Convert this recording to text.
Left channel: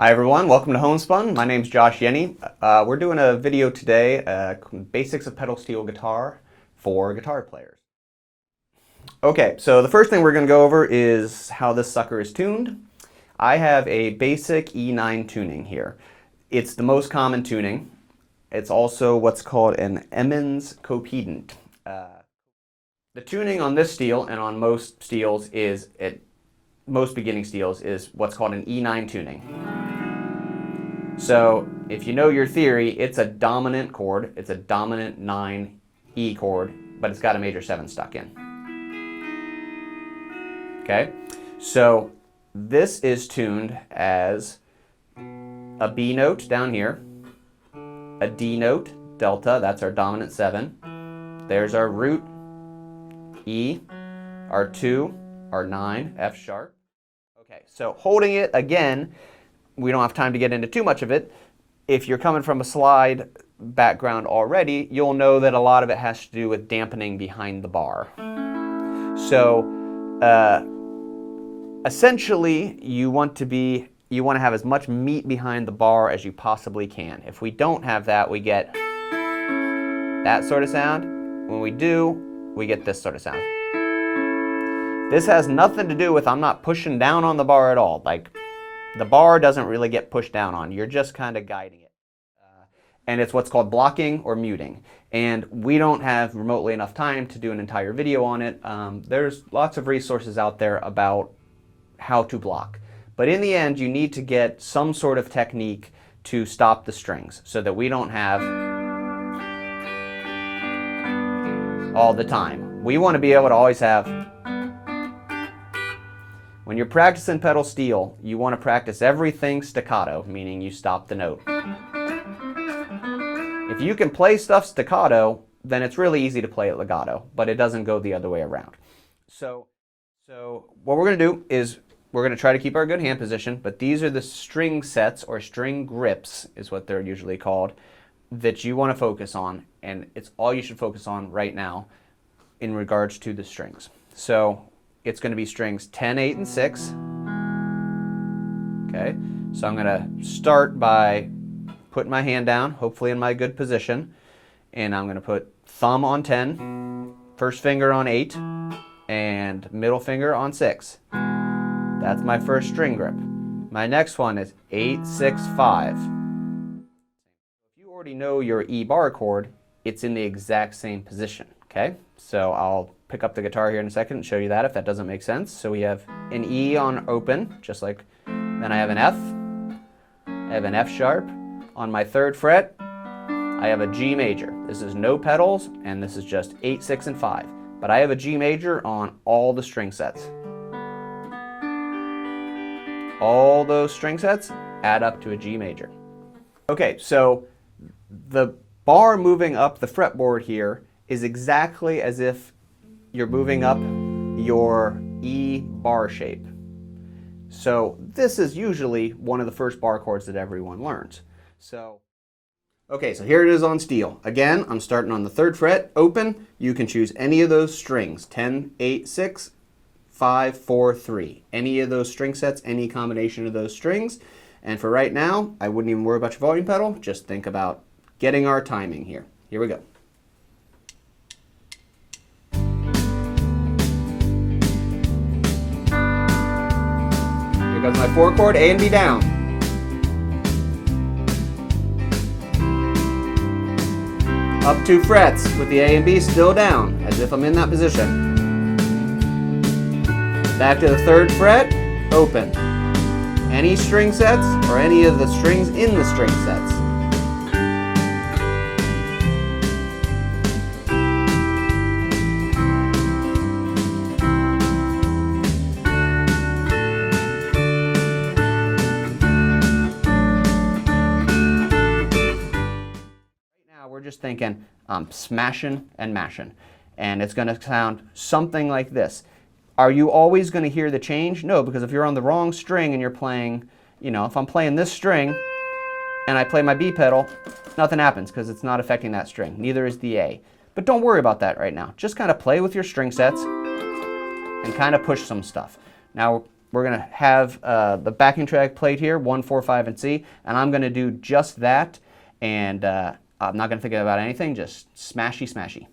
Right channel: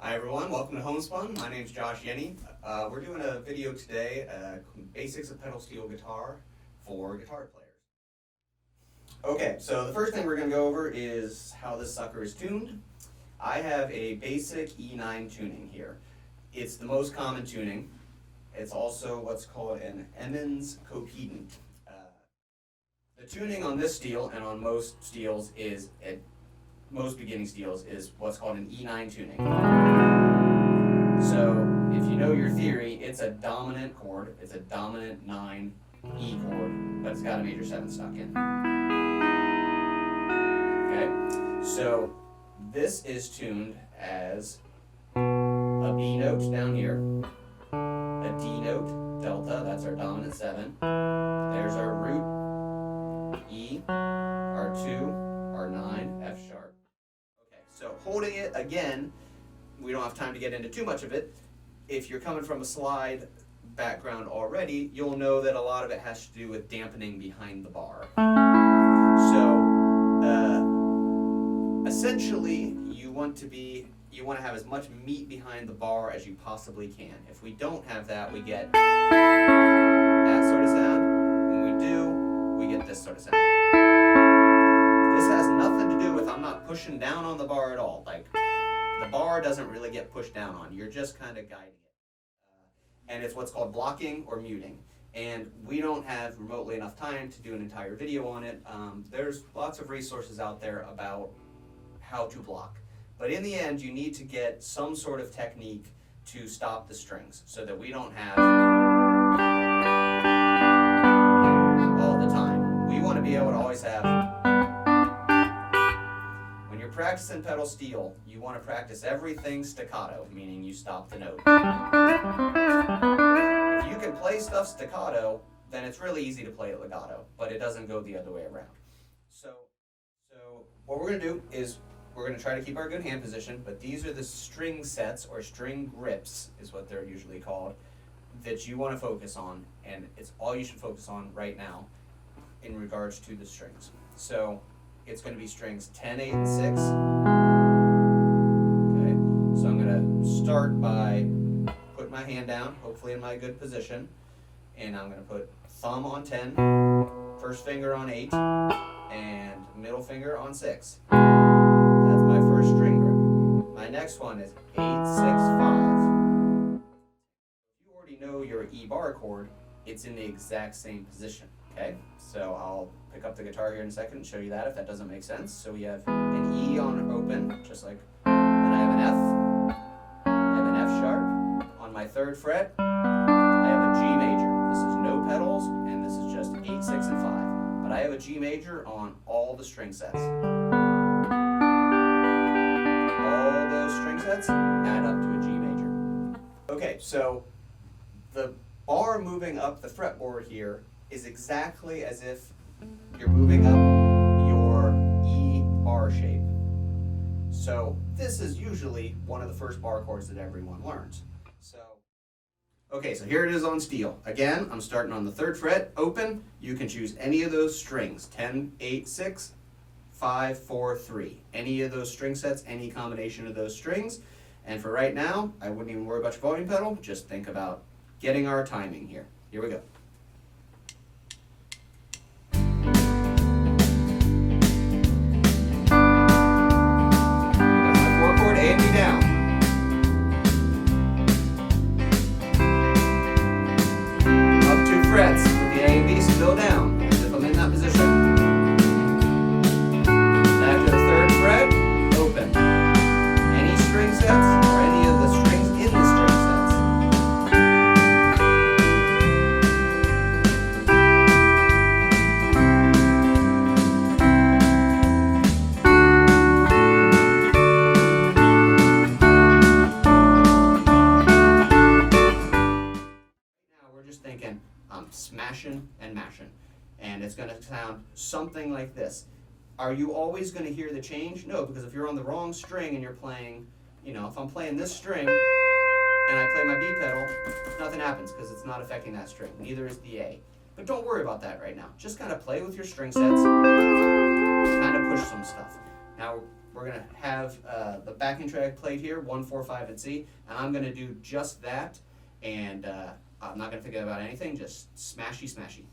Hi everyone, welcome to Homespun. My name's Josh Yenne. We're doing a video today, basics of pedal steel guitar for guitar players. Okay, so the first thing we're going to go over is how this sucker is tuned. I have a basic E9 tuning here. It's the most common tuning. It's also what's called an Emmons copedant. The tuning on this steel and on most steels is, most beginning steels, is what's called an E9 tuning. So if you know your theory, it's a dominant chord. It's a dominant 9 E chord, but it's got a major 7 stuck in. Okay, so this is tuned as a B note down here, a D note, delta, that's our dominant 7. There's our root, E, our 2, our 9, F sharp. Okay, so holding it again, we don't have time to get into too much of it. If you're coming from a slide background already, you'll know that a lot of it has to do with dampening behind the bar. So essentially, you want to have as much meat behind the bar as you possibly can. If we don't have that, we get that sort of sound. When we do, we get this sort of sound. This has nothing to do with, I'm not pushing down on the bar at all. Like, the bar doesn't really get pushed down on. You're just kind of guiding it. And it's what's called blocking or muting. And we don't have remotely enough time to do an entire video on it. There's lots of resources out there about how to block. But in the end, you need to get some sort of technique to stop the strings so that we don't have all the time. We want to be able to always have. When you're practicing pedal steel, you want to practice everything staccato, meaning you stop the note. If you can play stuff staccato, then it's really easy to play it legato, but it doesn't go the other way around. So what we're going to do is we're going to try to keep our good hand position, but these are the string sets, or string grips is what they're usually called, that you want to focus on, and it's all you should focus on right now in regards to the strings. So it's going to be strings 10, 8, and 6. Okay, so I'm going to start by putting my hand down, hopefully in my good position, and I'm going to put thumb on 10, first finger on 8, and middle finger on 6. That's my first string grip. My next one is 8, 6, 5. If you already know your E bar chord, it's in the exact same position. Okay, so I'll pick up the guitar here in a second and show you that if that doesn't make sense. So we have an E on open, just like, then I have an F, I have an F sharp. On my 3rd fret, I have a G major. This is no pedals, and this is just 8, 6, and 5. But I have a G major on all the string sets. All those string sets add up to a G major. Okay, so the bar moving up the fretboard here is exactly as if you're moving up your E bar shape. So this is usually one of the first bar chords that everyone learns. Okay, so here it is on steel. Again, I'm starting on the 3rd fret, open. You can choose any of those strings, 10, 8, 6, 5, 4, 3. Any of those string sets, any combination of those strings. And for right now, I wouldn't even worry about your volume pedal. Just think about getting our timing here. Here we go. Here goes my 4 chord, A and B down. Up 2 frets with the A and B still down, as if I'm in that position. Back to the 3rd fret, open. Any string sets, or any of the strings in the string sets. We're just thinking smashing and mashing, and it's going to sound something like this. Are you always going to hear the change? No, because if you're on the wrong string and you're playing, if I'm playing this string and I play my B pedal, nothing happens because it's not affecting that string. Neither is the A. But don't worry about that right now. Just kind of play with your string sets and kind of push some stuff. Now, we're going to have the backing track played here, 1, 4, 5, and C, and I'm going to do just that, and I'm not going to think about anything, just smashy, smashy.